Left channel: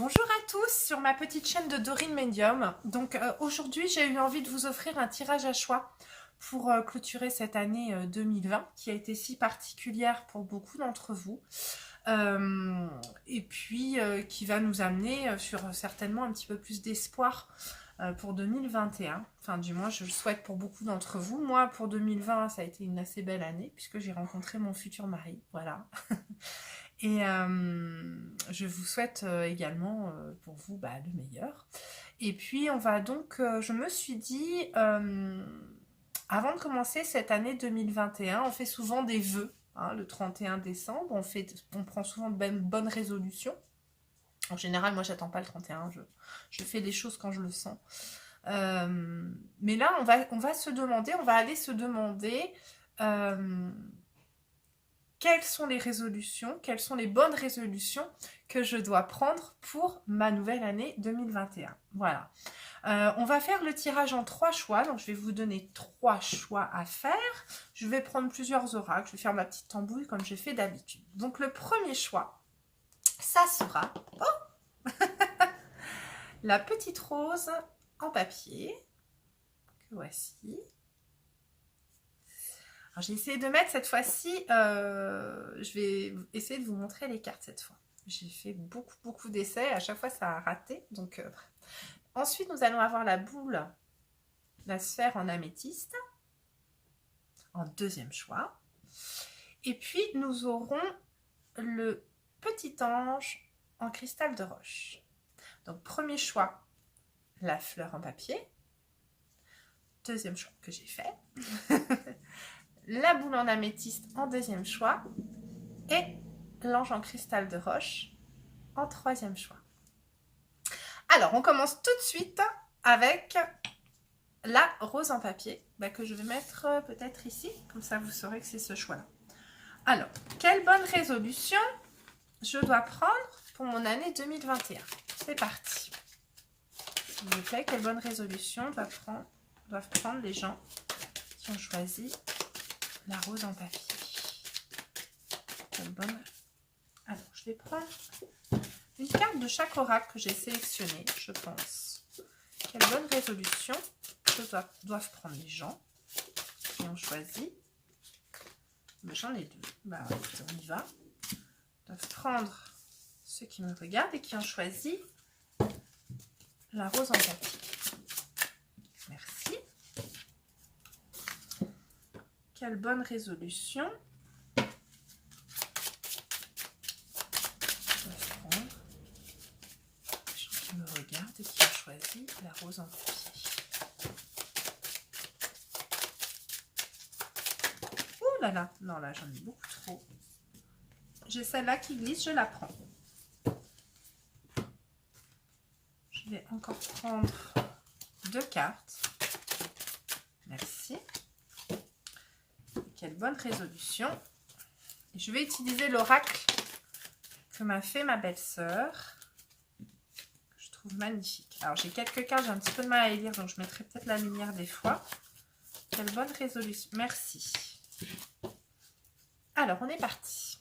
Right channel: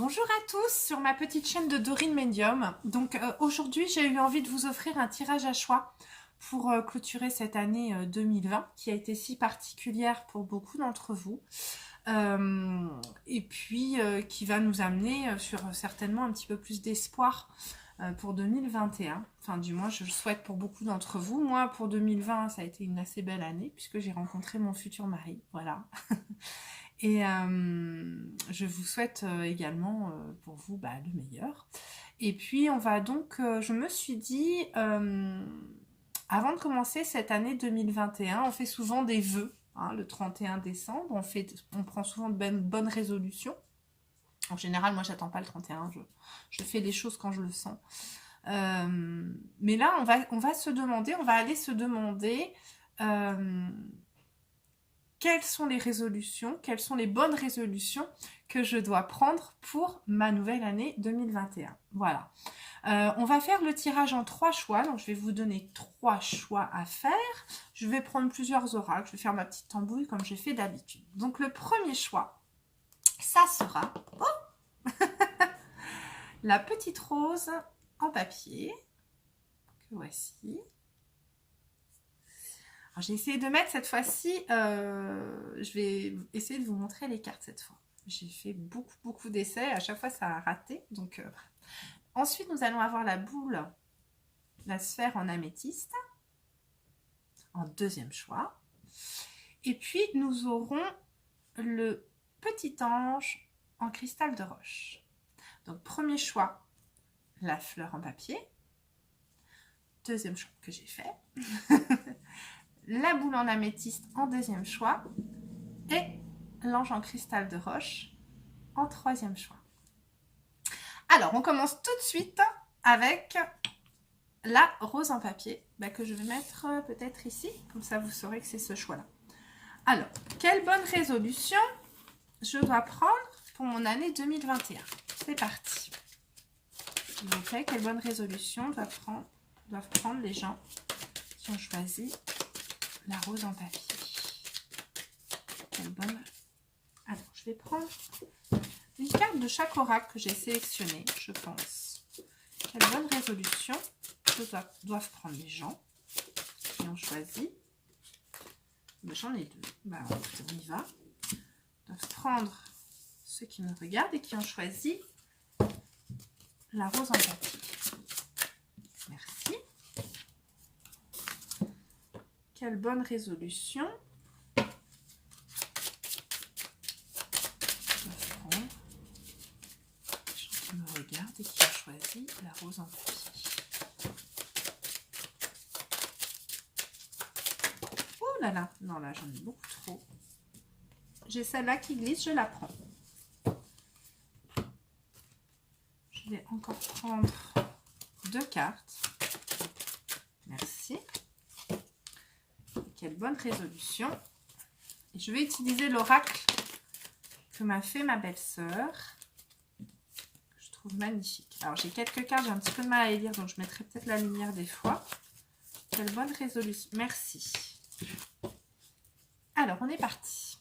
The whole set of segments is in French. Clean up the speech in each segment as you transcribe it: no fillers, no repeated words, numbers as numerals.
Bonjour à tous sur ma petite chaîne de Dorine Medium. Donc aujourd'hui j'ai eu envie de vous offrir un tirage à choix pour clôturer cette année 2020 qui a été si particulière pour beaucoup d'entre vous et puis qui va nous amener sur certainement un petit peu plus d'espoir pour 2021. Enfin du moins je le souhaite pour beaucoup d'entre vous. Moi pour 2020 ça a été une assez belle année puisque j'ai rencontré mon futur mari. Voilà. Et je vous souhaite également pour vous le meilleur. Et puis on va donc, je me suis dit, avant de commencer cette année 2021, on fait souvent des vœux, hein, le 31 décembre, on prend souvent de bonnes résolutions. En général, moi j'attends pas le 31, je fais des choses quand je le sens. Mais là, on va se demander, on va aller se demander... quelles sont les résolutions, quelles sont les bonnes résolutions que je dois prendre pour ma nouvelle année 2021. Voilà. On va faire le tirage en 3 choix. Donc, je vais vous donner 3 choix à faire. Je vais prendre plusieurs oracles. Je vais faire ma petite tambouille comme je fais d'habitude. Donc, le premier choix, ça sera la petite rose en papier. Que voici. J'ai essayé de mettre cette fois-ci, je vais essayer de vous montrer les cartes cette fois. J'ai fait beaucoup d'essais, à chaque fois ça a raté. Donc, ensuite, nous allons avoir la boule, la sphère en améthyste, en deuxième choix. Et puis, nous aurons le petit ange en cristal de roche. Donc, premier choix, la fleur en papier. Deuxième choix que j'ai fait. La boule en améthyste en deuxième choix et l'ange en cristal de roche en troisième choix. Alors, on commence tout de suite avec la rose en papier que je vais mettre peut-être ici, comme ça vous saurez que c'est ce choix-là. Alors, quelle bonne résolution je dois prendre pour mon année 2021? C'est parti. S'il vous plaît, quelle bonne résolution doivent prendre les gens qui ont choisi la rose en papier. Quelle bonne... Alors, je vais prendre une carte de chaque oracle que j'ai sélectionné, je pense. Quelle bonne résolution doivent prendre les gens qui ont choisi. J'en ai deux. Écoutez, on y va. Doivent prendre ceux qui me regardent et qui ont choisi la rose en papier. Merci. Quelle bonne résolution qui me regardent et qui ont choisi la rose en papier. Oh là là, non là j'en ai beaucoup trop. J'ai celle-là qui glisse, je la prends. Je vais encore prendre 2 cartes. Merci. Quelle bonne résolution. Et je vais utiliser l'oracle que m'a fait ma belle-sœur. Je trouve magnifique. Alors j'ai quelques cartes, j'ai un petit peu de mal à les lire, donc je mettrai peut-être la lumière des fois. Quelle bonne résolution. Merci. Alors on est parti.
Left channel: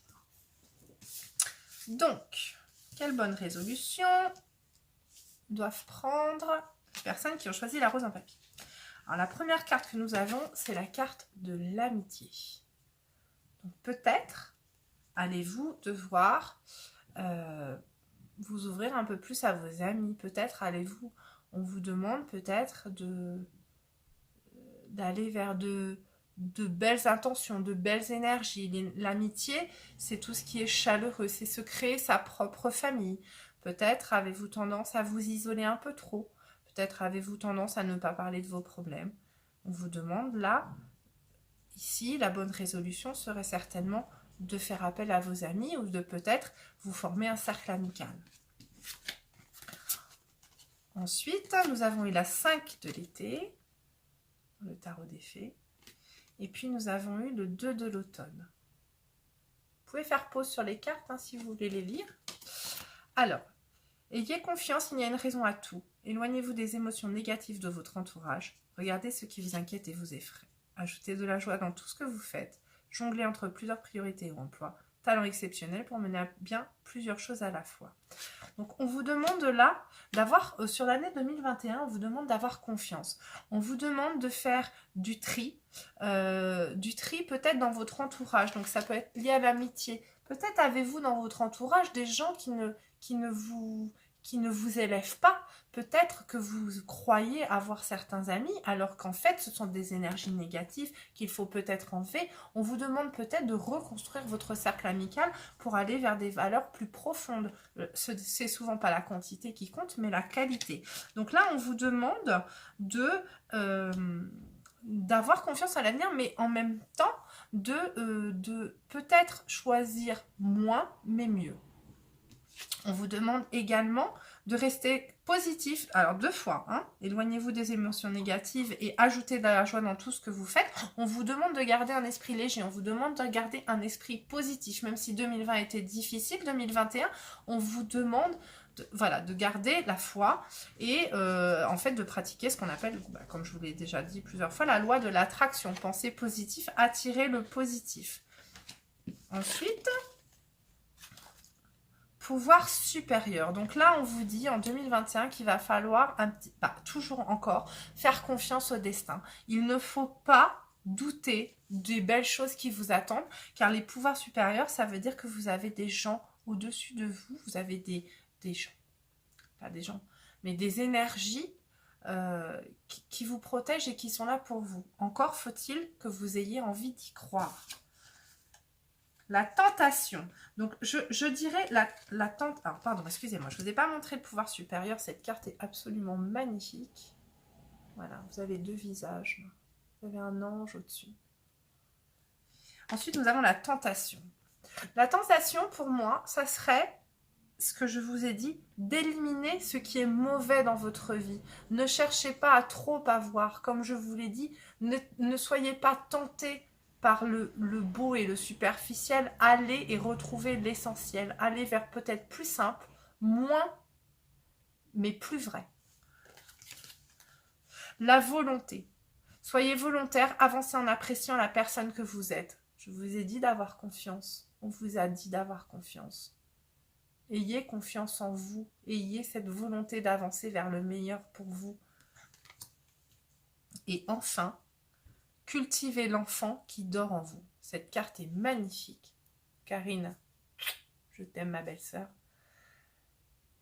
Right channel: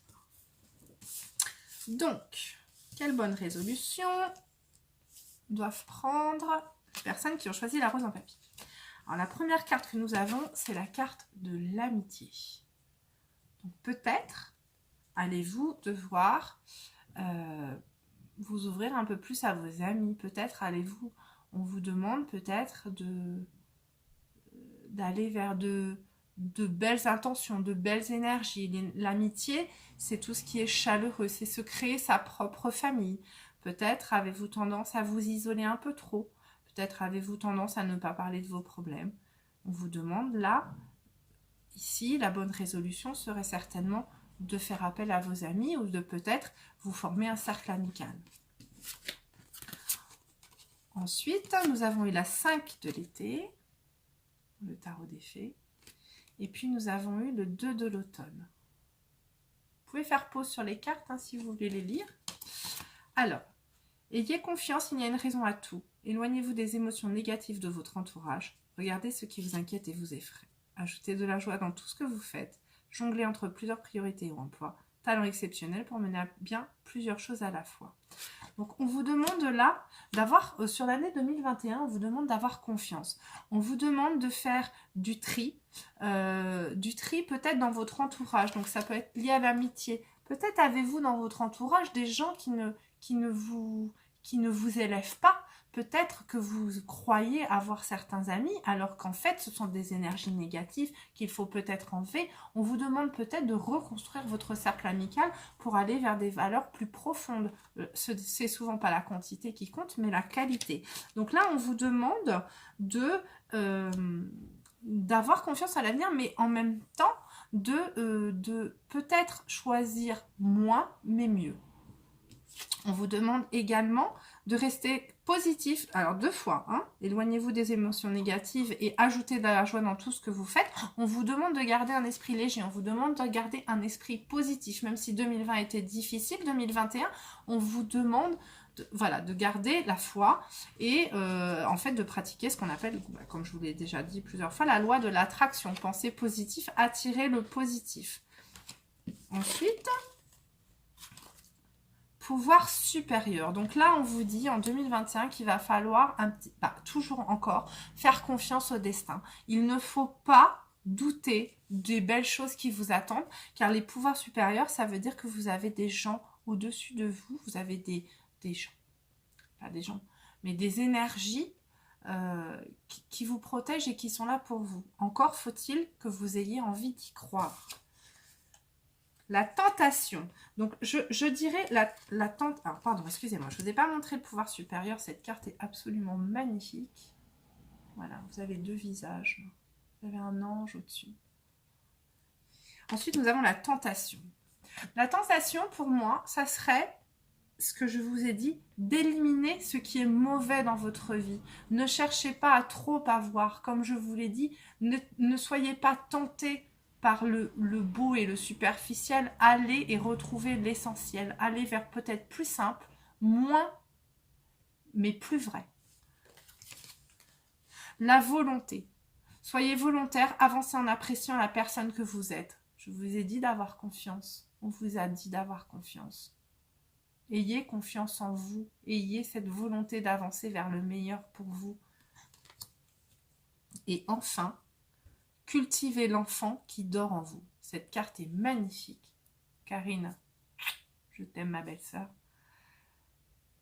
Donc, quelle bonne résolution doivent prendre les personnes qui ont choisi la rose en papier? Alors la première carte que nous avons, c'est la carte de l'amitié. Donc peut-être allez-vous devoir vous ouvrir un peu plus à vos amis. Peut-être allez-vous, on vous demande peut-être d'aller vers de belles intentions, de belles énergies. L'amitié, c'est tout ce qui est chaleureux, c'est se créer sa propre famille. Peut-être avez-vous tendance à vous isoler un peu trop. Peut-être avez-vous tendance à ne pas parler de vos problèmes. On vous demande là, ici, la bonne résolution serait certainement de faire appel à vos amis ou de peut-être vous former un cercle amical. Ensuite, nous avons eu la 5 de l'été, le tarot des fées. Et puis, nous avons eu le 2 de l'automne. Vous pouvez faire pause sur les cartes si vous voulez les lire. Alors, ayez confiance, il y a une raison à tout. Éloignez-vous des émotions négatives de votre entourage. Regardez ce qui vous inquiète et vous effraie. Ajoutez de la joie dans tout ce que vous faites. Jonglez entre plusieurs priorités ou emplois. talent exceptionnel pour mener à bien plusieurs choses à la fois. Donc, on vous demande là d'avoir, sur l'année 2021, on vous demande d'avoir confiance. On vous demande de faire du tri peut-être dans votre entourage. Donc, ça peut être lié à l'amitié. Peut-être avez-vous dans votre entourage des gens qui ne vous élèvent pas. Peut-être que vous croyez avoir certains amis, alors qu'en fait, ce sont des énergies négatives qu'il faut peut-être enlever. On vous demande peut-être de reconstruire votre cercle amical pour aller vers des valeurs plus profondes. C'est souvent pas la quantité qui compte, mais la qualité. Donc là, on vous demande d'avoir confiance à l'avenir, mais en même temps, de peut-être choisir moins, mais mieux. On vous demande également de rester positif, alors 2 fois, hein, éloignez-vous des émotions négatives et ajoutez de la joie dans tout ce que vous faites. On vous demande de garder un esprit léger, on vous demande de garder un esprit positif, même si 2020 était difficile, 2021, on vous demande de garder la foi et en fait de pratiquer ce qu'on appelle, comme je vous l'ai déjà dit plusieurs fois, la loi de l'attraction. Pensez positif, attirez le positif. Ensuite, pouvoir supérieur. Donc là, on vous dit en 2021 qu'il va falloir toujours encore faire confiance au destin. Il ne faut pas douter des belles choses qui vous attendent, car les pouvoirs supérieurs, ça veut dire que vous avez des gens au-dessus de vous, vous avez des gens, pas des gens, mais des énergies qui vous protègent et qui sont là pour vous. Encore faut-il que vous ayez envie d'y croire. La tentation. Donc, je dirais la tentation. Alors, pardon, excusez-moi, je ne vous ai pas montré le pouvoir supérieur. Cette carte est absolument magnifique. Voilà, vous avez 2 visages. Vous avez un ange au-dessus. Ensuite, nous avons la tentation. La tentation, pour moi, ça serait ce que je vous ai dit, d'éliminer ce qui est mauvais dans votre vie. Ne cherchez pas à trop avoir. Comme je vous l'ai dit, ne soyez pas tentés par le beau et le superficiel. Allez et retrouvez l'essentiel. Allez vers peut-être plus simple, moins, mais plus vrai. La volonté. Soyez volontaire, avancez en appréciant la personne que vous êtes. Je vous ai dit d'avoir confiance. On vous a dit d'avoir confiance. Ayez confiance en vous. Ayez cette volonté d'avancer vers le meilleur pour vous. Et enfin, cultivez l'enfant qui dort en vous. Cette carte est magnifique. Karine, je t'aime ma belle-sœur.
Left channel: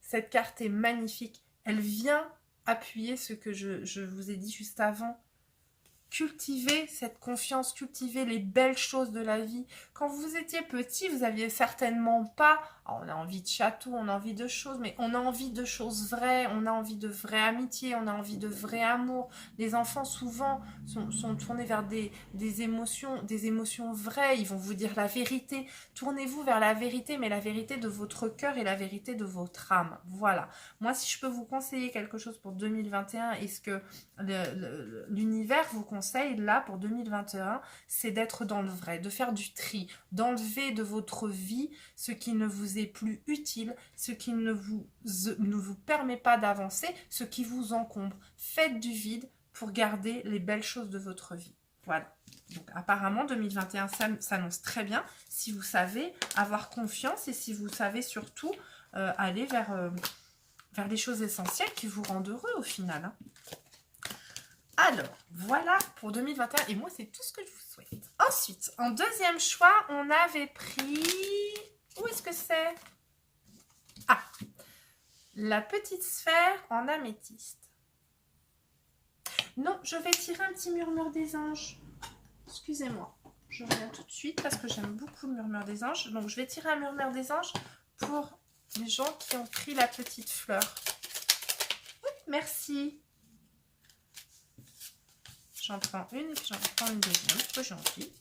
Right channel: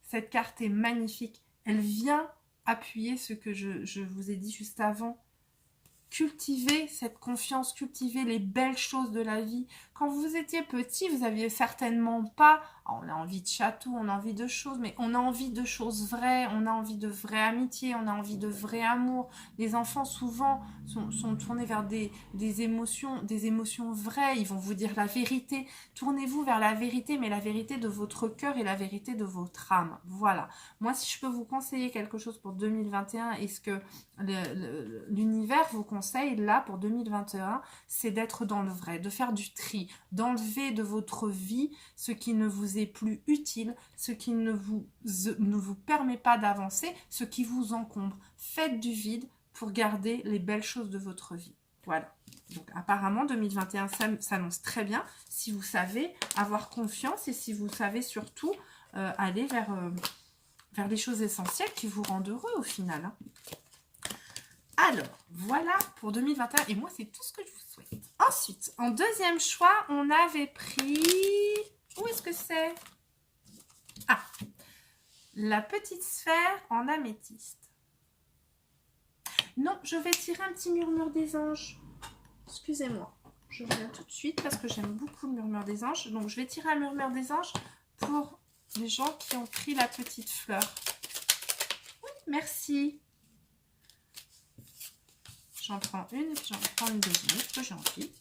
Cette carte est magnifique. Elle vient appuyer ce que je vous ai dit juste avant. Cultivez cette confiance, cultivez les belles choses de la vie. Quand vous étiez petit, vous n'aviez certainement pas... on a envie de château, on a envie de choses, mais on a envie de choses vraies, on a envie de vraie amitié, on a envie de vrai amour. Les enfants, souvent, sont tournés vers des émotions vraies. Ils vont vous dire la vérité. Tournez-vous vers la vérité, mais la vérité de votre cœur et la vérité de votre âme. Voilà. Moi, si je peux vous conseiller quelque chose pour 2021, et ce que l'univers vous conseille là pour 2021, c'est d'être dans le vrai, de faire du tri, d'enlever de votre vie ce qui ne vous est plus utile, ce qui ne vous permet pas d'avancer, ce qui vous encombre. Faites du vide pour garder les belles choses de votre vie. Voilà. Donc apparemment 2021 s'annonce très bien si vous savez avoir confiance et si vous savez surtout aller vers les choses essentielles qui vous rendent heureux au final. Hein. Alors, voilà pour 2021. Et moi, c'est tout ce que je vous souhaite. Ensuite, en deuxième choix, on avait pris... Où est-ce que c'est? Ah, la petite sphère en améthyste. Non, je vais tirer un petit murmure des anges. Excusez-moi. Je reviens tout de suite parce que j'aime beaucoup le murmure des anges. Donc, je vais tirer un murmure des anges pour les gens qui ont pris la petite fleur. Oui, merci. J'en prends une et puis j'en prends une deuxième. C'est gentil.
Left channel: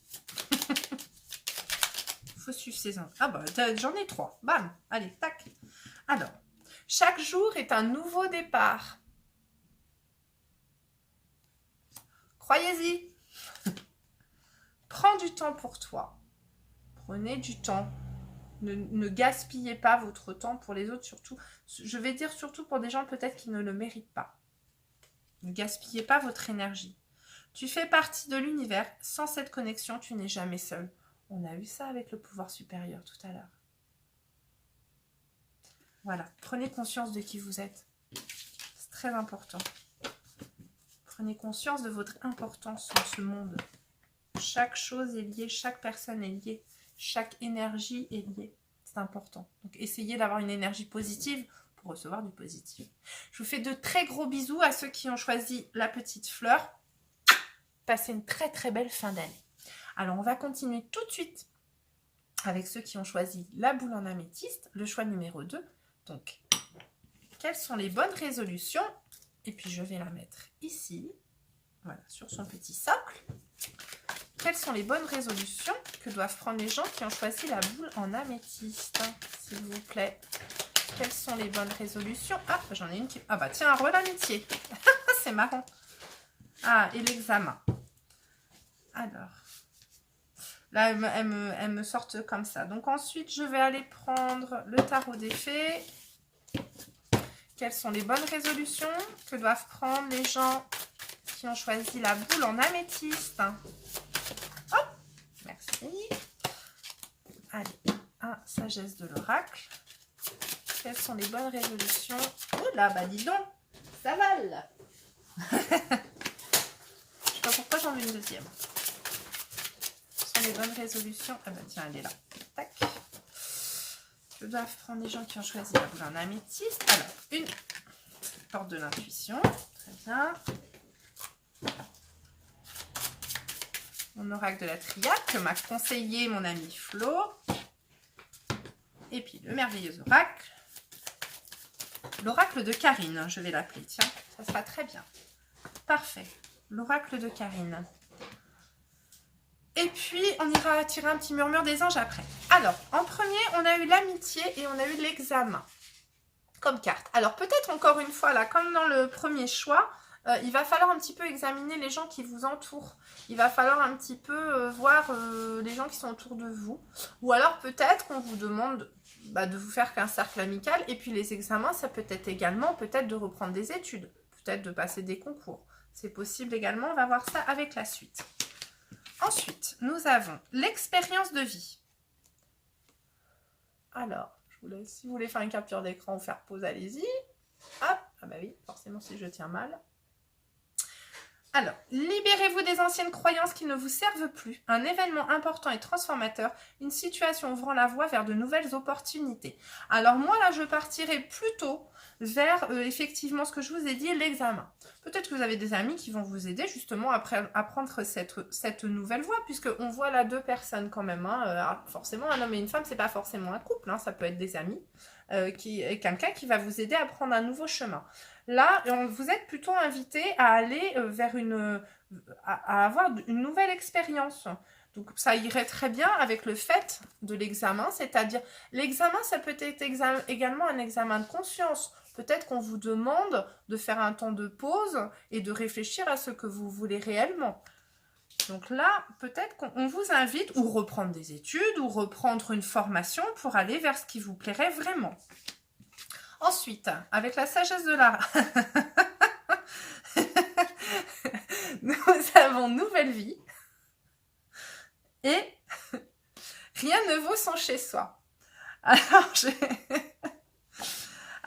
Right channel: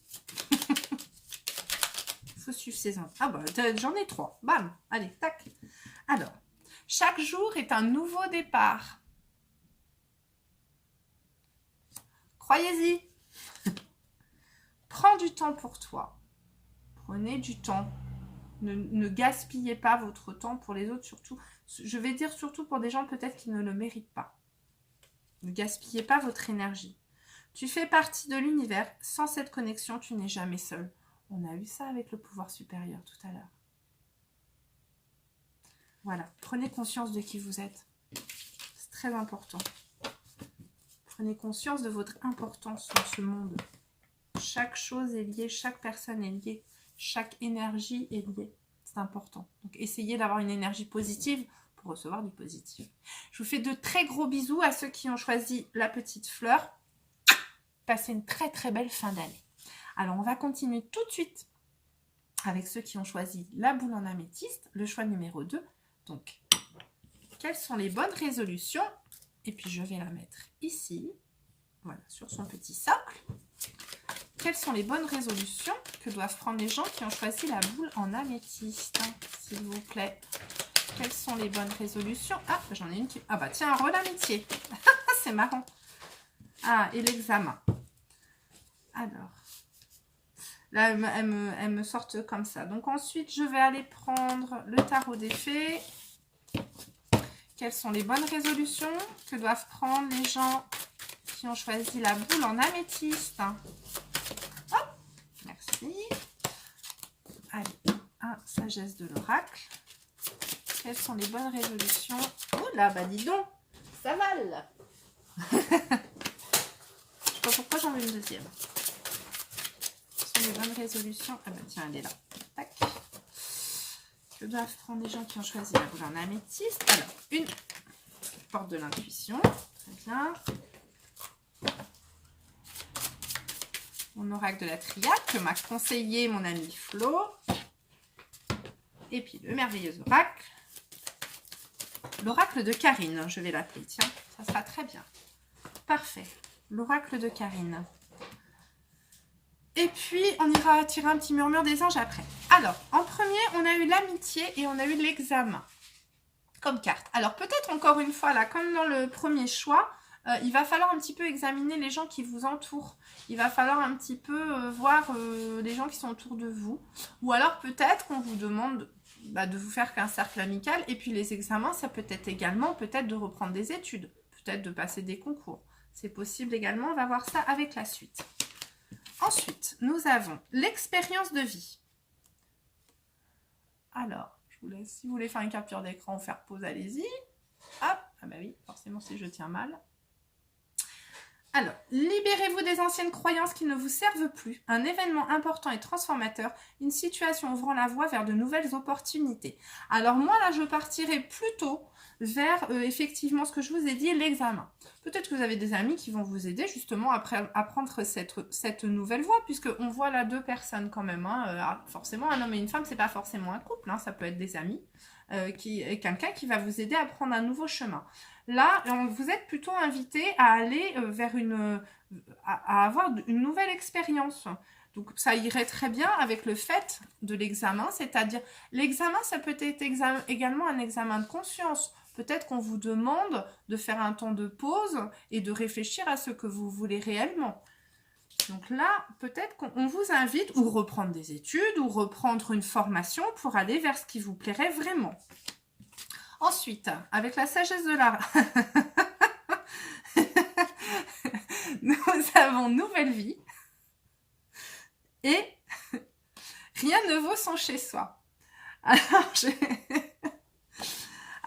Il faut suivre ses infos. Ah bah, j'en ai 3. Bam. Allez, tac. Alors, chaque jour est un nouveau départ. Croyez-y. Prends du temps pour toi. Prenez du temps. Ne gaspillez pas votre temps pour les autres, surtout. Je vais dire surtout pour des gens peut-être qui ne le méritent pas. Ne gaspillez pas votre énergie. Tu fais partie de l'univers. Sans cette connexion, tu n'es jamais seul. On a eu ça avec le pouvoir supérieur tout à l'heure. Voilà, prenez conscience de qui vous êtes. C'est très important. Prenez conscience de votre importance dans ce monde. Chaque chose est liée, chaque personne est liée, chaque énergie est liée. C'est important. Donc, essayez d'avoir une énergie positive pour recevoir du positif. Je vous fais de très gros bisous à ceux qui ont choisi la petite fleur. Passez une très très belle fin d'année. Alors, on va continuer tout de suite avec ceux qui ont choisi la boule en améthyste, le choix numéro 2. Donc, quelles sont les bonnes résolutions? Et puis, je vais la mettre ici, voilà, sur son petit socle. Quelles sont les bonnes résolutions que doivent prendre les gens qui ont choisi la boule en améthyste, s'il vous plaît? Quelles sont les bonnes résolutions? Ah, j'en ai une qui... Ah bah tiens, un rôle amitié. C'est marrant. Ah, et l'examen. Alors, là, elles me sortent comme ça. Donc ensuite, je vais aller prendre le tarot des fées. Quelles sont les bonnes résolutions que doivent prendre les gens qui ont choisi la boule en améthyste? Hop, merci. Allez, un sagesse de l'oracle. Quelles sont les bonnes résolutions? Oh là, bah dis donc, ça va là. Je sais pas pourquoi j'en veux une deuxième. Quelles sont les bonnes résolutions? Ah bah tiens, elle est là. Tac. Que doivent prendre les gens qui ont choisi la boule en améthyste? Alors, une porte de l'intuition. Très bien. Mon oracle de la triade que m'a conseillé mon ami Flo. Et puis le merveilleux oracle. L'oracle de Karine, je vais l'appeler. Tiens, ça sera très bien. Parfait. L'oracle de Karine. Et puis, on ira tirer un petit murmure des anges après. Alors, en premier, on a eu l'amitié et on a eu l'examen comme carte. Alors, peut-être encore une fois, là, comme dans le premier choix, il va falloir un petit peu examiner les gens qui vous entourent. Il va falloir un petit peu voir les gens qui sont autour de vous. Ou alors, peut-être qu'on vous demande de vous faire qu'un cercle amical. Et puis, les examens, ça peut être également peut-être de reprendre des études. Peut-être de passer des concours. C'est possible également. On va voir ça avec la suite. Ensuite, nous avons l'expérience de vie. Alors, je vous laisse, si vous voulez faire une capture d'écran ou faire pause, allez-y. Hop, ah bah oui, forcément si je tiens mal. Alors, libérez-vous des anciennes croyances qui ne vous servent plus. Un événement important et transformateur, une situation ouvrant la voie vers de nouvelles opportunités. Alors moi, là, je partirai plutôt vers, effectivement, ce que je vous ai dit, l'examen. Peut-être que vous avez des amis qui vont vous aider justement à prendre cette nouvelle voie, puisqu'on voit là deux personnes quand même. Hein. Forcément, un homme et une femme, c'est pas forcément un couple, hein, ça peut être des amis, quelqu'un qui va vous aider à prendre un nouveau chemin. Là, vous êtes plutôt invité à aller vers à avoir une nouvelle expérience. Donc, ça irait très bien avec le fait de l'examen, c'est-à-dire l'examen, ça peut être également un examen de conscience. Peut-être qu'on vous demande de faire un temps de pause et de réfléchir à ce que vous voulez réellement. Donc là, peut-être qu'on vous invite ou reprendre des études ou reprendre une formation pour aller vers ce qui vous plairait vraiment. Ensuite, avec la sagesse de la... nous avons nouvelle vie. Et rien ne vaut son chez-soi.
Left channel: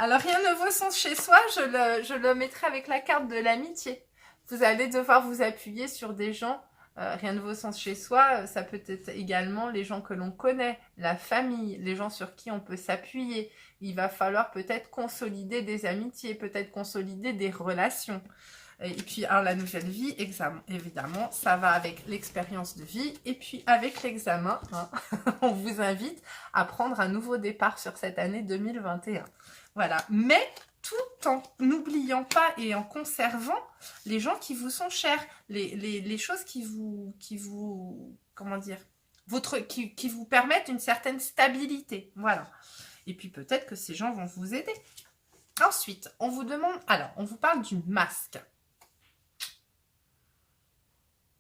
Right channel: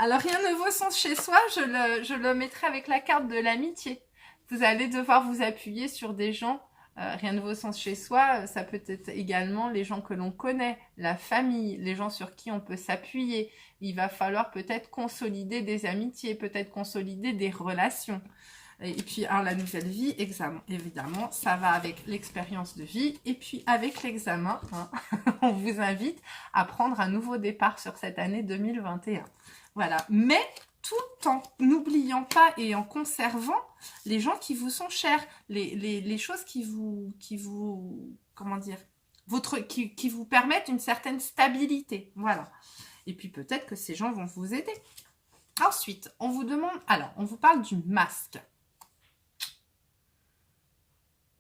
Alors, rien ne vaut son chez-soi, je le mettrai avec la carte de l'amitié. Vous allez devoir vous appuyer sur des gens. Rien ne vaut son chez-soi, ça peut être également les gens que l'on connaît, la famille, les gens sur qui on peut s'appuyer. Il va falloir peut-être consolider des amitiés, peut-être consolider des relations. Et puis, la nouvelle vie, examen, évidemment, ça va avec l'expérience de vie. Et puis, avec l'examen, hein, on vous invite à prendre un nouveau départ sur cette année 2021. Voilà. Mais tout en n'oubliant pas et en conservant les gens qui vous sont chers, les choses qui vous comment dire, qui vous permettent une certaine stabilité. Voilà. Et puis peut-être que ces gens vont vous aider. Ensuite, on vous demande, alors, on vous parle du masque.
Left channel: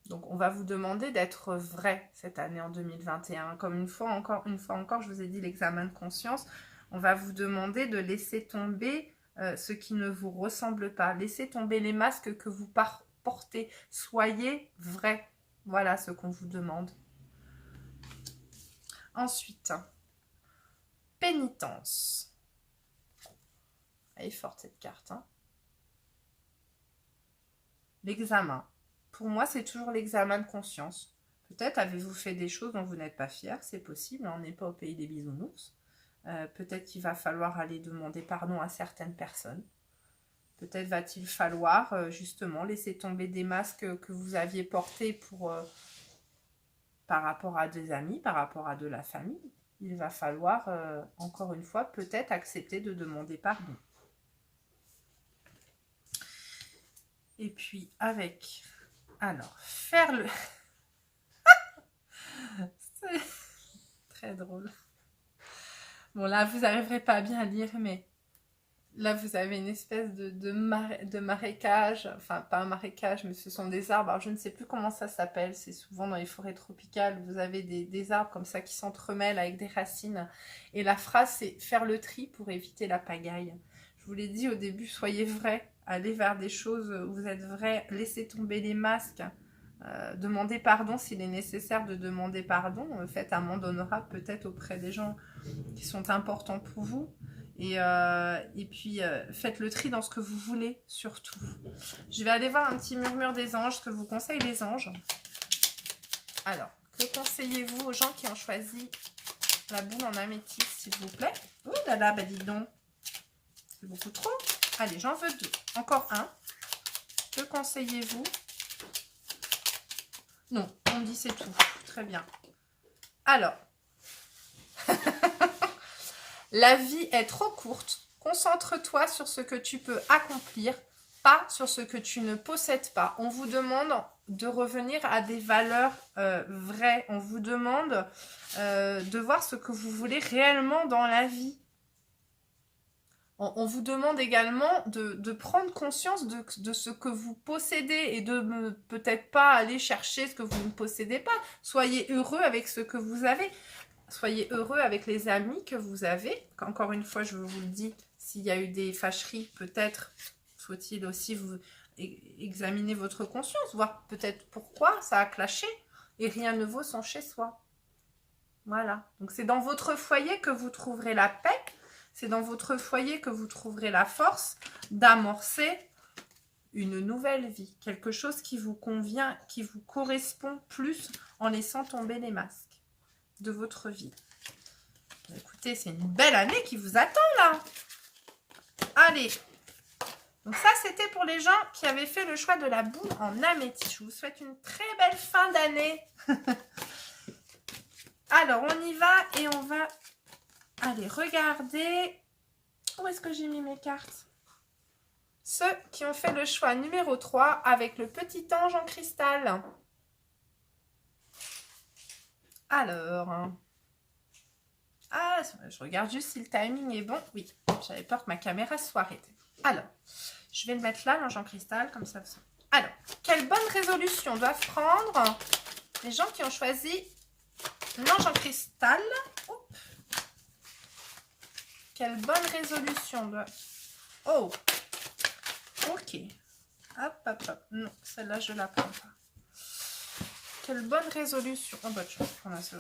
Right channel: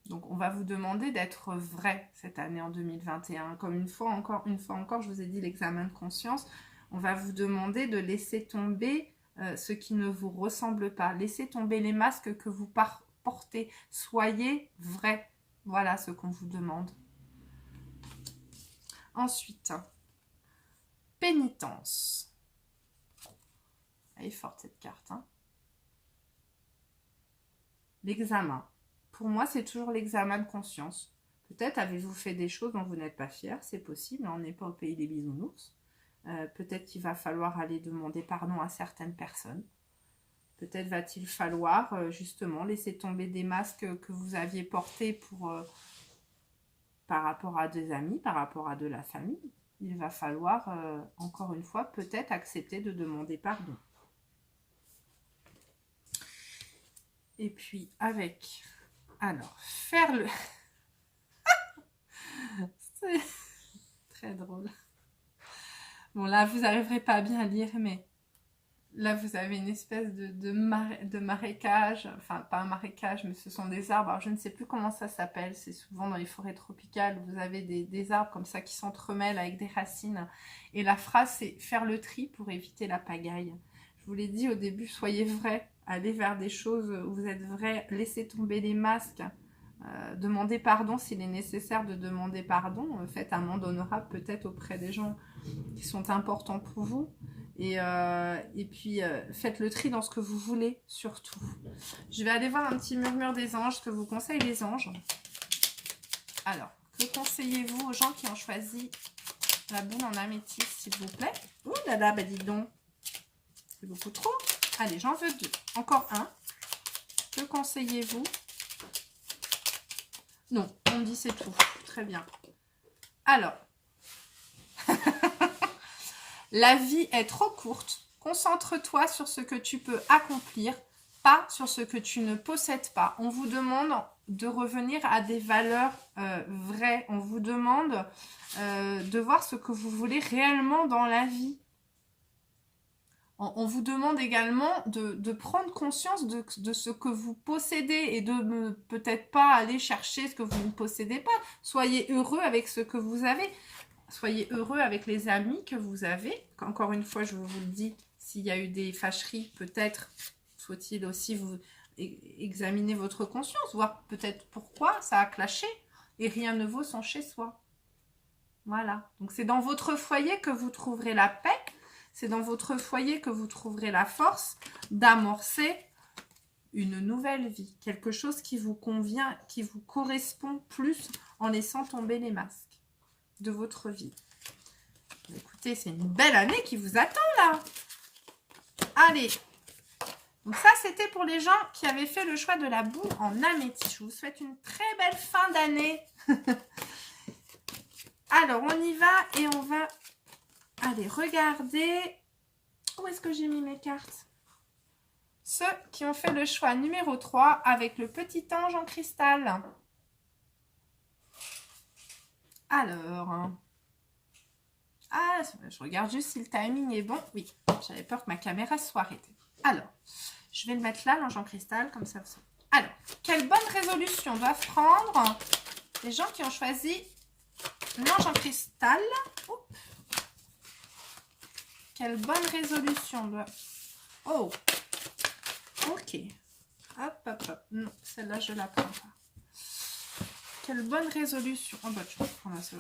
Donc, on va vous demander d'être vrai cette année en 2021. Comme une fois encore, je vous ai dit l'examen de conscience. On va vous demander de laisser tomber ce qui ne vous ressemble pas. Laissez tomber les masques que vous portez. Soyez vrai. Voilà ce qu'on vous demande. Ensuite, pénitence. Elle est forte cette carte. Hein. L'examen. Pour moi, c'est toujours l'examen de conscience. Peut-être avez-vous fait des choses dont vous n'êtes pas fier, c'est possible, on n'est pas au pays des bisounours. Peut-être qu'il va falloir aller demander pardon à certaines personnes. Peut-être va-t-il falloir justement laisser tomber des masques que vous aviez portés pour, par rapport à des amis, par rapport à de la famille. Il va falloir, encore une fois, peut-être accepter de demander pardon. Et puis avec, alors, faire le... C'est très drôle. Bon, là, vous n'arriverez pas à bien lire, mais là, vous avez une espèce de marécage. Enfin, pas un marécage, mais ce sont des arbres. Alors, je ne sais plus comment ça s'appelle. C'est souvent dans les forêts tropicales. Vous avez des arbres comme ça qui s'entremêlent avec des racines. Et la phrase, c'est « faire le tri pour éviter la pagaille ». Je vous l'ai dit au début, soyez vrai. Allez vers des choses où vous êtes vrai. Laissez tomber les masques. Demandez pardon s'il est nécessaire de demander pardon. Faites amende honorable peut-être auprès des gens qui sont importants pour vous. Et puis, faites le tri dans ce que vous voulez, surtout. Je vais aller voir un petit murmure des anges, ce que vous conseillent les anges. Alors, que conseillez-vous aux gens qui ont choisi la boule en améthyste, s'il vous plaît? Ouh là là, bah dis donc. C'est beaucoup trop. Allez, j'en veux 2. Encore un. Que conseillez-vous? Non, on dit c'est tout. Très bien. Alors, la vie est trop courte. Concentre-toi sur ce que tu peux accomplir, pas sur ce que tu ne possèdes pas. On vous demande de revenir à des valeurs vraies. On vous demande de voir ce que vous voulez réellement dans la vie. On vous demande également de prendre conscience de ce que vous possédez et de peut-être pas aller chercher ce que vous ne possédez pas. Soyez heureux avec ce que vous avez. Soyez heureux avec les amis que vous avez. Encore une fois, je vous le dis, s'il y a eu des fâcheries, peut-être faut-il aussi vous examiner votre conscience, voir peut-être pourquoi ça a clashé. Et rien ne vaut son chez soi. Voilà. Donc c'est dans votre foyer que vous trouverez la paix. C'est dans votre foyer que vous trouverez la force d'amorcer une nouvelle vie. Quelque chose qui vous convient, qui vous correspond plus en laissant tomber les masques de votre vie. Écoutez, c'est une belle année qui vous attend là. Allez. Donc ça, c'était pour les gens qui avaient fait le choix de la boule en améthyste. Je vous souhaite une très belle fin d'année. Alors, on y va et on va... Allez, regardez. Où est-ce que j'ai mis mes cartes? Ceux qui ont fait le choix numéro 3 avec le petit ange en cristal. Alors. Ah, je regarde juste si le timing est bon. Oui, j'avais peur que ma caméra soit arrêtée. Alors, je vais le mettre là, l'ange en cristal, comme ça. Alors, quelle bonne résolution doivent prendre les gens qui ont choisi l'ange en cristal? Oups. Quelle bonne résolution doit... Oh, ok. Hop, hop, hop. Non, celle-là, je la prends pas. Quelle bonne résolution. Oh, bah, je vais prendre la seule.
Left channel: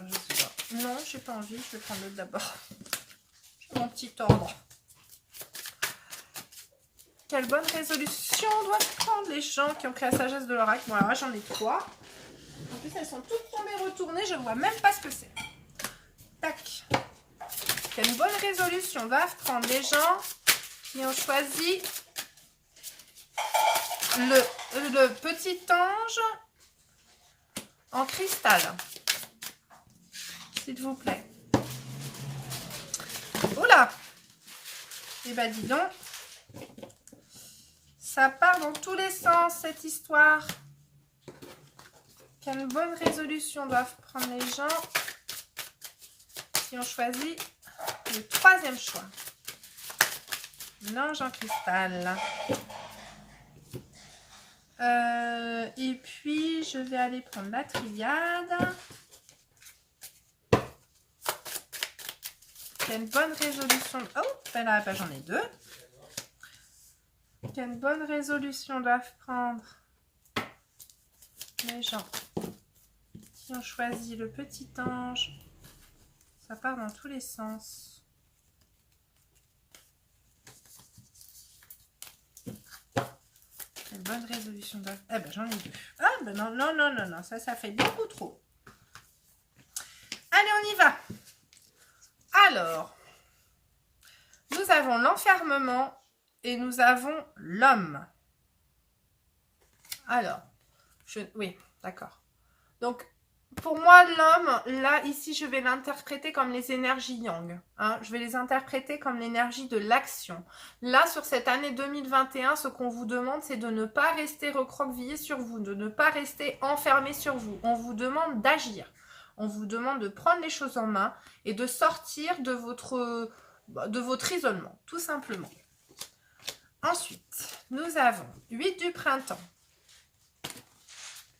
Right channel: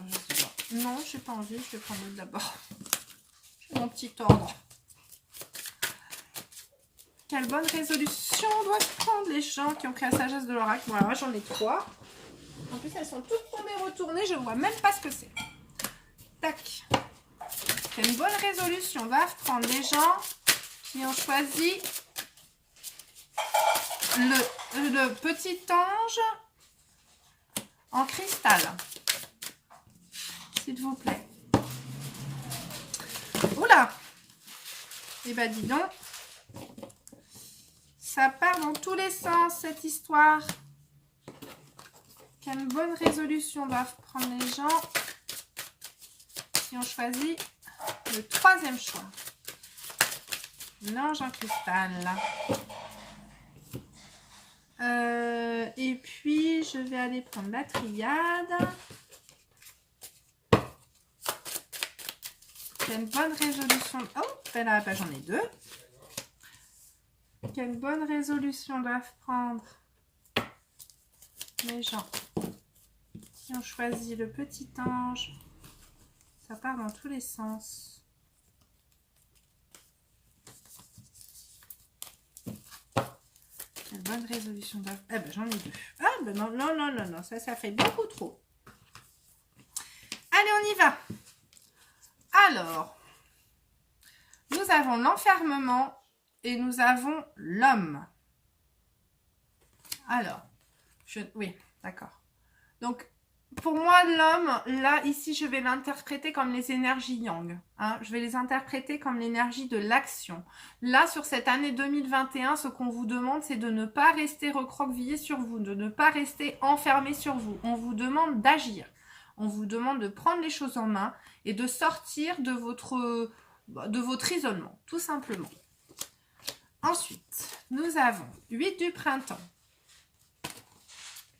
Non, je n'ai pas envie. Je vais prendre l'autre d'abord. J'ai mon petit ordre. Quelle bonne résolution doivent prendre les gens qui ont créé la sagesse de l'oracle? Bon, alors moi, j'en ai 3. En plus, elles sont toutes tombées retournées. Je ne vois même pas ce que c'est. Tac. Quelle bonne résolution doivent prendre les gens qui ont choisi le petit ange en cristal. S'il vous plaît. Oula! Eh ben dis donc. Ça part dans tous les sens, cette histoire. Quelle bonne résolution doivent prendre les gens qui ont choisi le 3e choix. L'ange en cristal. Et puis, je vais aller prendre la triade. Quelle bonne résolution... Oh, ben là, ben j'en ai 2. Quelle bonne résolution doivent prendre les gens qui ont choisi le petit ange Ça part dans tous les sens. Une bonne résolution. Eh ben, j'en ai deux. Ah, ben non, non, non, non, non. Ça fait beaucoup trop. Allez, on y va. Alors, nous avons l'enfermement et nous avons l'homme. Alors, oui, d'accord. Donc, pour moi, l'homme, là, ici, je vais l'interpréter comme les énergies yang. Hein. Je vais les interpréter comme l'énergie de l'action. Là, sur cette année 2021, ce qu'on vous demande, c'est de ne pas rester recroquevillé sur vous, de ne pas rester enfermé sur vous. On vous demande d'agir. On vous demande de prendre les choses en main et de sortir de votre isolement, tout simplement. Ensuite, nous avons 8 du printemps.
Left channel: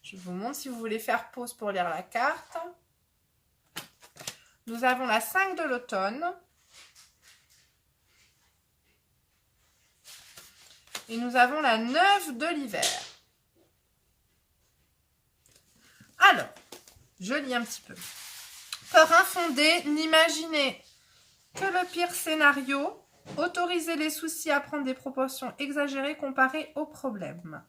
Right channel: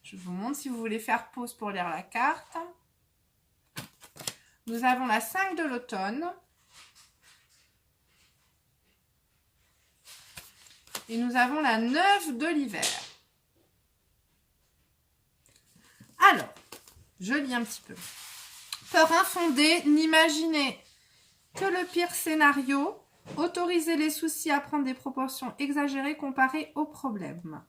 Je vous montre si vous voulez faire pause pour lire la carte. Nous avons la 5 de l'automne. Et nous avons la 9 de l'hiver. Alors, je lis un petit peu. Peur infondée, n'imaginez que le pire scénario. Autorisez les soucis à prendre des proportions exagérées comparées aux problèmes.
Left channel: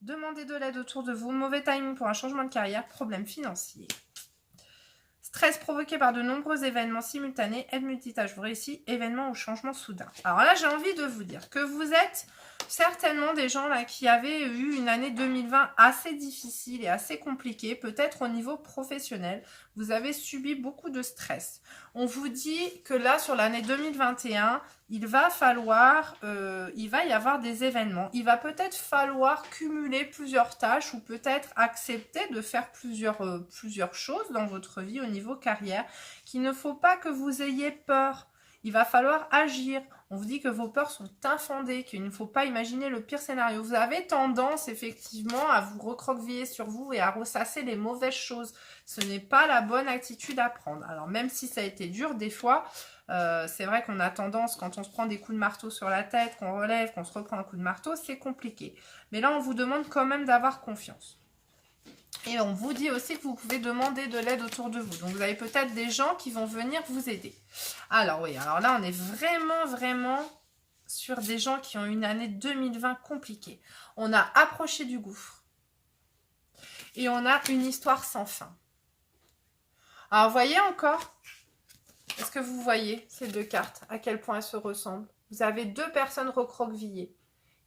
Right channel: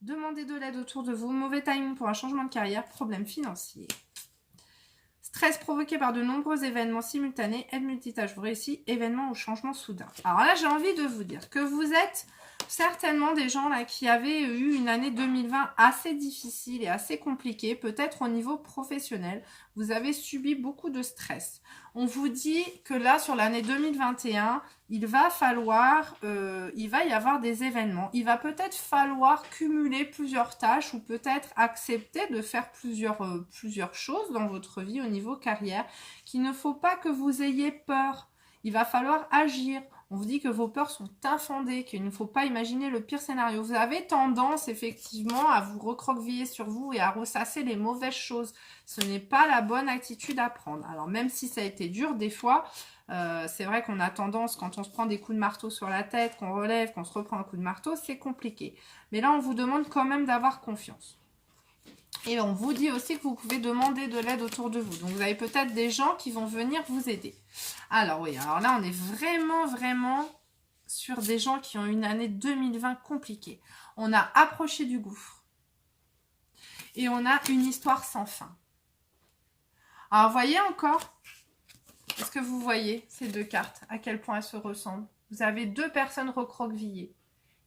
Demandez de l'aide autour de vous. Mauvais timing pour un changement de carrière. Problème financier. Stress provoqué par de nombreux événements simultanés. Aide multitâche vous réussit. Événement ou changement soudain. Alors là, j'ai envie de vous dire que vous êtes certainement des gens là qui avaient eu une année 2020 assez difficile et assez compliquée. Peut-être au niveau professionnel. Vous avez subi beaucoup de stress. On vous dit que là, sur l'année 2021, il va y avoir des événements. Il va peut-être falloir cumuler plusieurs tâches ou peut-être accepter de faire plusieurs choses dans votre vie au niveau carrière. Qu'il ne faut pas que vous ayez peur. Il va falloir agir. On vous dit que vos peurs sont infondées, qu'il ne faut pas imaginer le pire scénario. Vous avez tendance effectivement à vous recroqueviller sur vous et à ressasser les mauvaises choses. Ce n'est pas la bonne attitude à prendre. Alors même si ça a été dur des fois, c'est vrai qu'on a tendance, quand on se prend des coups de marteau sur la tête, qu'on relève, qu'on se reprend un coup de marteau, c'est compliqué. Mais là, on vous demande quand même d'avoir confiance. Et on vous dit aussi que vous pouvez demander de l'aide autour de vous. Donc, vous avez peut-être des gens qui vont venir vous aider. Alors oui, alors là, on est vraiment sur des gens qui ont une année 2020 compliquée. On a approché du gouffre. Et on a une histoire sans fin. Alors, vous voyez encore, est-ce que vous voyez ces deux cartes, à quel point elles se ressemblent? Vous avez deux personnes recroquevillées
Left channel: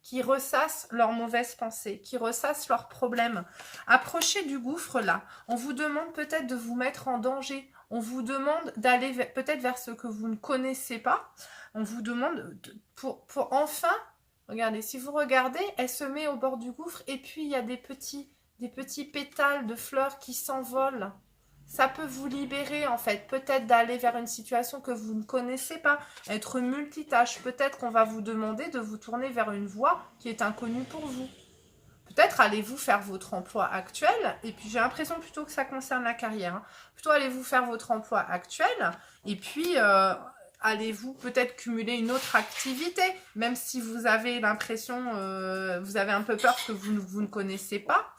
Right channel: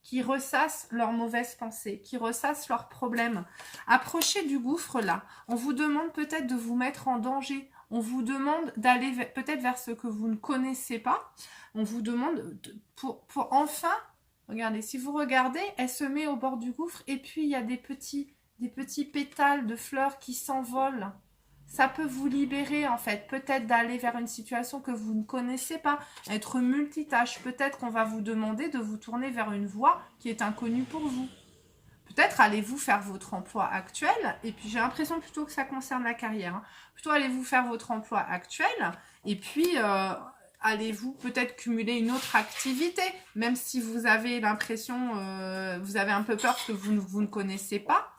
qui ressassent leurs mauvaises pensées, qui ressassent leurs problèmes. Approchez du gouffre là. On vous demande peut-être de vous mettre en danger. On vous demande d'aller peut-être vers ce que vous ne connaissez pas. On vous demande pour enfin, regardez, si vous regardez, elle se met au bord du gouffre et puis il y a des petits pétales de fleurs qui s'envolent. Ça peut vous libérer en fait, peut-être d'aller vers une situation que vous ne connaissez pas, être multitâche. Peut-être qu'on va vous demander de vous tourner vers une voie qui est inconnue pour vous. Peut-être allez-vous faire votre emploi actuel, et puis j'ai l'impression plutôt que ça concerne la carrière. Hein. Plutôt allez-vous faire votre emploi actuel, et puis allez-vous peut-être cumuler une autre activité, même si vous avez l'impression, vous avez un peu peur que vous ne connaissez pas.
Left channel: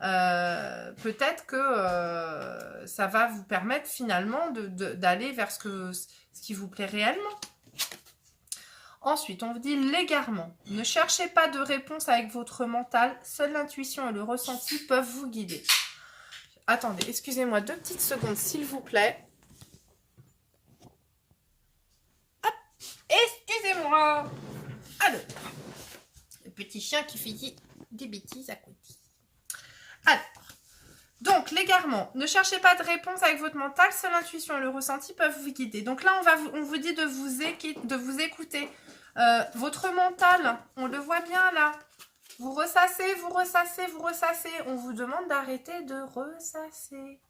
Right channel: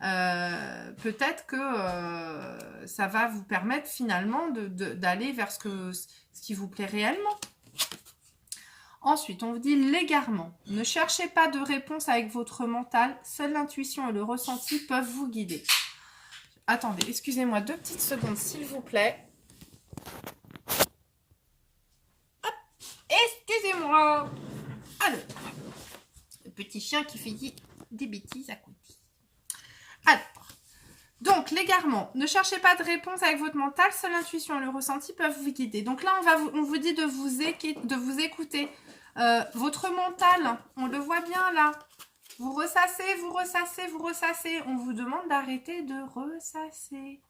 Peut-être que ça va vous permettre finalement d'aller vers ce qui vous plaît réellement. Ensuite, on vous dit l'égarement. Ne cherchez pas de réponse avec votre mental. Seule l'intuition et le ressenti peuvent vous guider. Attendez, excusez-moi 2 petites secondes, s'il vous plaît. Hop, excusez-moi. Alors, le petit chien qui fait des bêtises à côté. Alors, donc l'égarement, ne cherchez pas de réponse avec votre mental, seule l'intuition et le ressenti peuvent vous guider. Donc là, on vous dit de vous écouter. Votre mental, on le voit bien là. Vous ressassez, vous ressassez, vous ressassez. On vous demande d'arrêter de ressasser.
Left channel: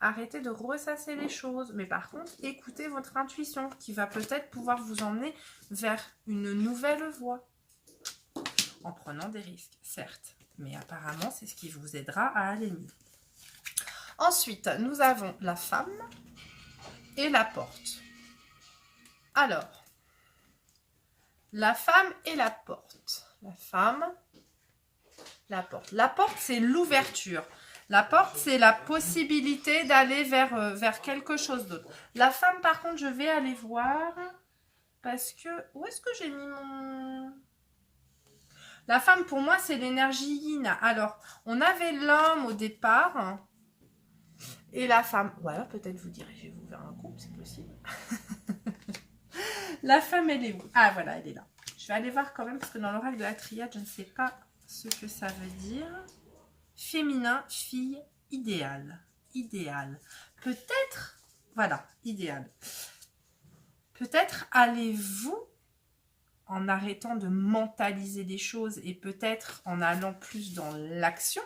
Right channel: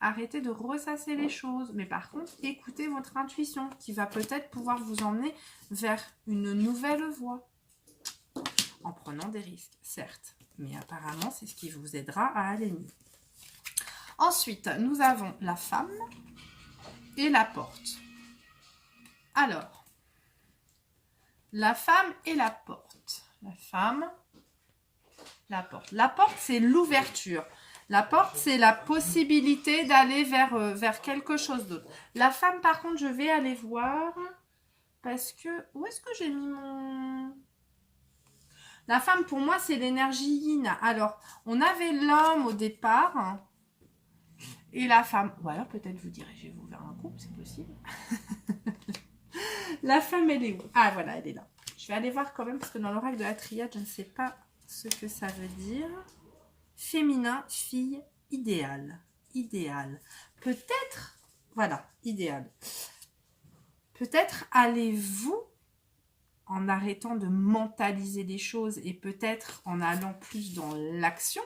Arrêtez de ressasser les choses. Mais par contre, écoutez votre intuition qui va peut-être pouvoir vous emmener vers une nouvelle voie. En prenant des risques, certes. Mais apparemment, c'est ce qui vous aidera à aller mieux. Ensuite, nous avons la femme et la porte. Alors, la femme et la porte. La femme, la porte. La porte, c'est l'ouverture. La porte, c'est la possibilité d'aller vers quelque chose d'autre. La femme, par contre, je vais aller voir parce que... Où est-ce que j'ai mis mon... La femme, pour moi, c'est l'énergie yin. Alors, on avait l'homme au départ et la femme. Ou alors, peut-être vous dirigez-vous vers un couple, c'est possible. La femme, elle est où? Ah, voilà, elle est là. Je vais aller voir quand même, parce que dans l'oracle de la triade, je ne sais pas ce que ça veut dire. Féminin, fille, idéal. Idéal. Peut-être, voilà, idéal. Peut-être allez-vous, en arrêtant de mentaliser les choses et peut-être en allant plus dans l'action,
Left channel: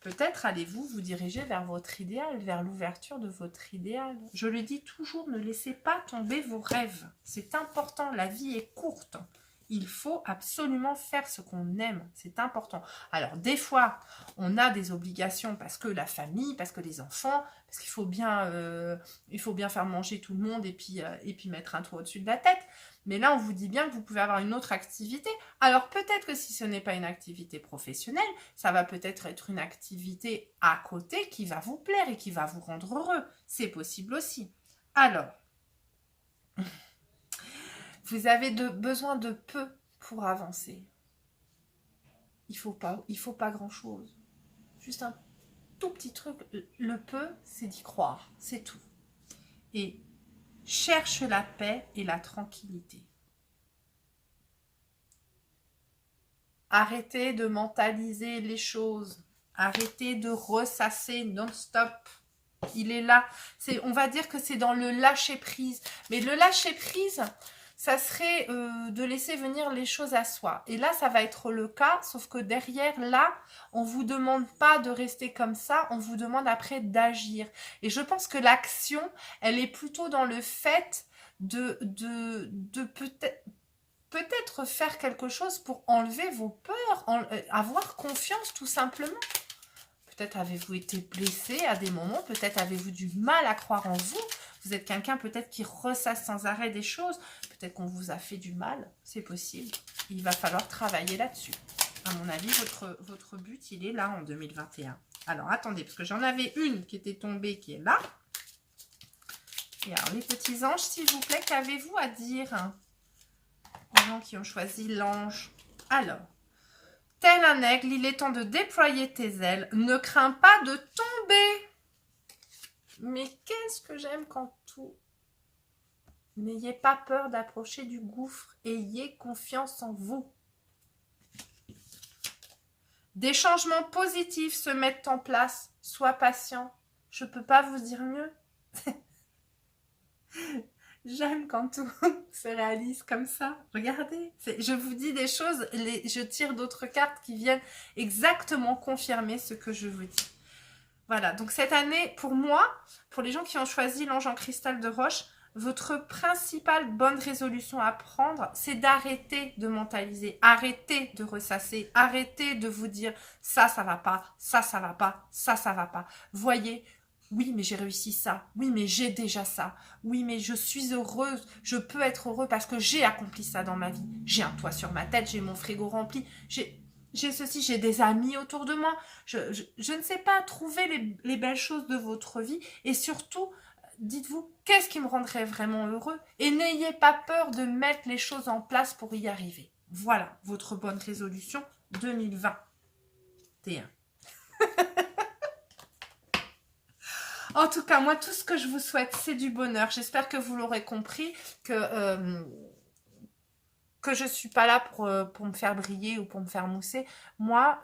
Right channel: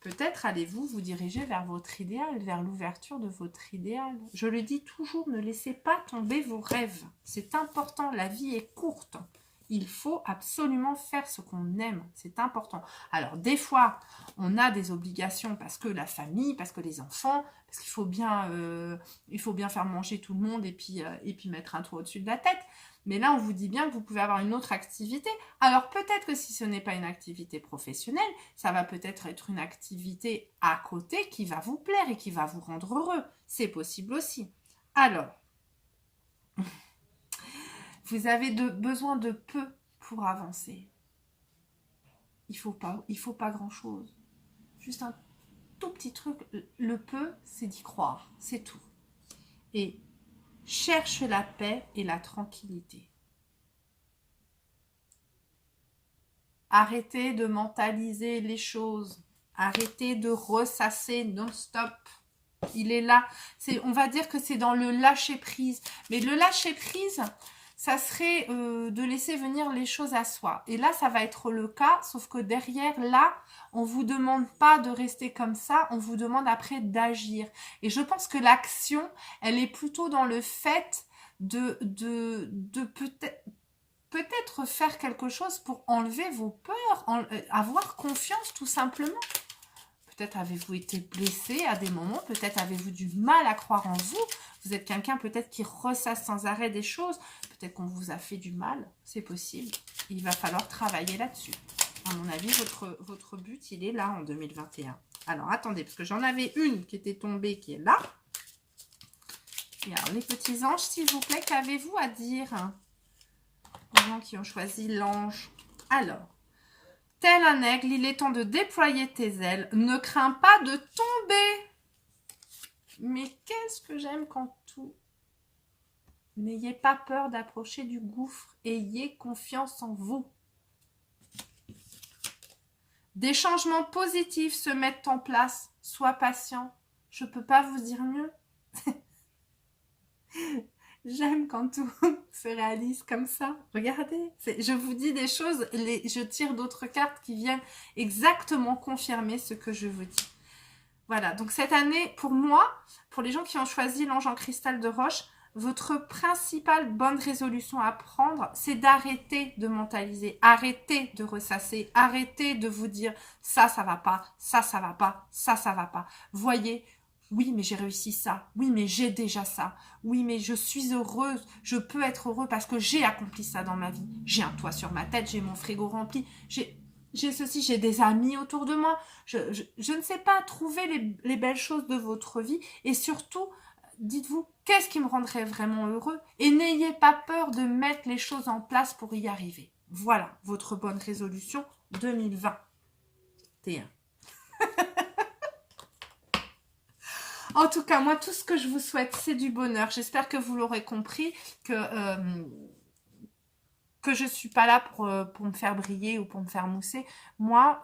peut-être allez-vous vous diriger vers votre idéal, vers l'ouverture de votre idéal. Je le dis toujours, ne laissez pas tomber vos rêves. C'est important, la vie est courte. Il faut absolument faire ce qu'on aime, c'est important. Alors des fois, on a des obligations parce que la famille, parce que les enfants, parce qu'il faut bien faire manger tout le monde et puis mettre un toit au-dessus de la tête. Mais là, on vous dit bien que vous pouvez avoir une autre activité. Alors peut-être que si ce n'est pas une activité professionnelle, ça va peut-être être une activité à côté qui va vous plaire et qui va vous rendre heureux. C'est possible aussi. Alors, vous avez besoin de peu pour avancer. Il faut pas grand-chose. Juste un tout petit truc. Le peu, c'est d'y croire. C'est tout. Et cherche la paix et la tranquillité. Arrêtez de mentaliser les choses. Arrêtez de ressasser non-stop. Il est là. On va dire que c'est dans le lâcher-prise. Mais le lâcher-prise, ça serait de laisser venir les choses à soi. Et là, ça va être le cas, sauf que derrière, là, on ne vous demande pas de rester comme ça, on vous demande après d'agir. Et je pense que l'action, elle est plutôt dans le fait de peut-être faire quelque chose pour enlever vos peurs, avoir confiance tout simplement. Peut-être avez-vous été blessé à des moments, peut-être avez-vous du mal à croire en vous. Vous êtes quelqu'un peut-être qui ressasse sans arrêt des choses. Peut-être qu'on vous a fait du mal, c'est possible. Il va falloir travailler là-dessus. À mon avis, votre but, il est là en 2021. Alors, attendez, parce que j'en avais une qui était tombée, qui est là. Et alors, les petits anges, s'il vous plaît, qu'avez-vous à dire? Les gens qui ont choisi l'ange. Alors, tel un aigle, il est temps de déployer tes ailes. Ne crains pas de tomber. Mais qu'est-ce que j'aime quand tout... N'ayez pas peur d'approcher du gouffre. Ayez confiance en vous. Des changements positifs se mettent en place. Sois patient. Je ne peux pas vous dire mieux. J'aime quand tout se réalise comme ça. Regardez, je vous dis des choses, je tire d'autres cartes qui viennent exactement confirmer ce que je vous dis. Voilà, donc cette année, pour moi, pour les gens qui ont choisi l'ange en cristal de roche, votre principale bonne résolution à prendre, c'est d'arrêter de mentaliser, arrêter de ressasser, arrêter de vous dire ça, ça va pas, ça va pas, ça va pas. Voyez, oui, mais j'ai réussi ça. Oui, mais j'ai déjà ça. Oui, mais je suis heureuse. Je peux être heureux parce que j'ai accompli ça dans ma vie. J'ai un toit sur ma tête, j'ai mon frigo rempli, j'ai ceci, j'ai des amis autour de moi. Je ne sais pas, trouver les belles choses de votre vie et surtout, dites-vous, qu'est-ce qui me rendrait vraiment heureux? Et n'ayez pas peur de mettre les choses en place pour y arriver. Voilà, votre bonne résolution 2021. En tout cas, moi, tout ce que je vous souhaite, c'est du bonheur. J'espère que vous l'aurez compris, que je ne suis pas là pour me faire briller ou pour me faire mousser. Moi,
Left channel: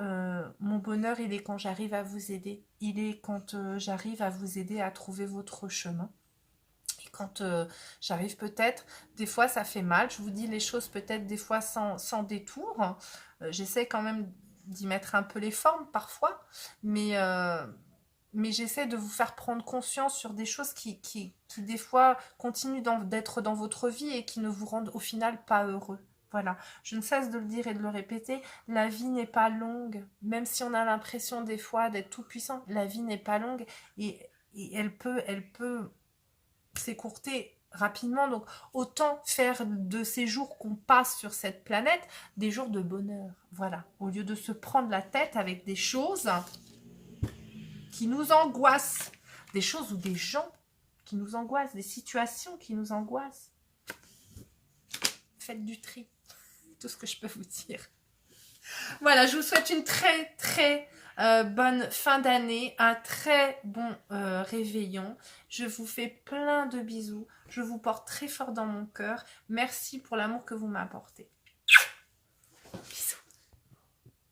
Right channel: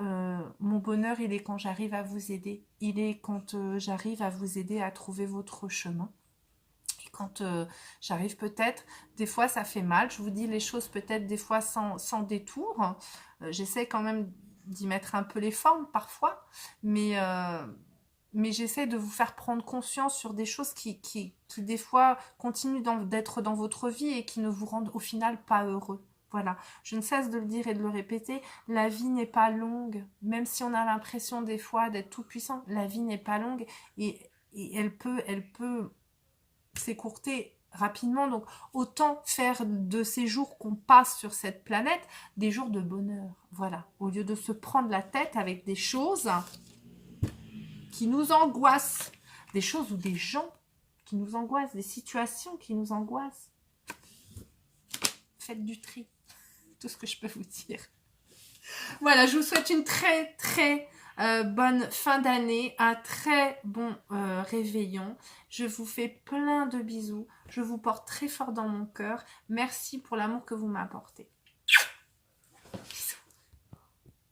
mon bonheur, il est quand j'arrive à vous aider. Il est quand j'arrive à vous aider à trouver votre chemin. Et quand j'arrive peut-être, des fois, ça fait mal. Je vous dis les choses peut-être des fois sans détour. J'essaie quand même d'y mettre un peu les formes parfois. Mais j'essaie de vous faire prendre conscience sur des choses qui des fois, continuent d'être dans votre vie et qui ne vous rendent au final pas heureux. Voilà, je ne cesse de le dire et de le répéter, la vie n'est pas longue, même si on a l'impression des fois d'être tout puissant, la vie n'est pas longue et elle peut s'écourter rapidement, donc autant faire de ces jours qu'on passe sur cette planète des jours de bonheur, voilà, au lieu de se prendre la tête avec des choses qui nous angoissent, des choses ou des gens qui nous angoissent, des situations qui nous angoissent. Faites du tri, tout ce que je peux vous dire. Voilà, je vous souhaite une très très bonne fin d'année, un très bon réveillon. Je vous fais plein de bisous, je vous porte très fort dans mon cœur. Merci pour l'amour que vous m'apportez. Bisous.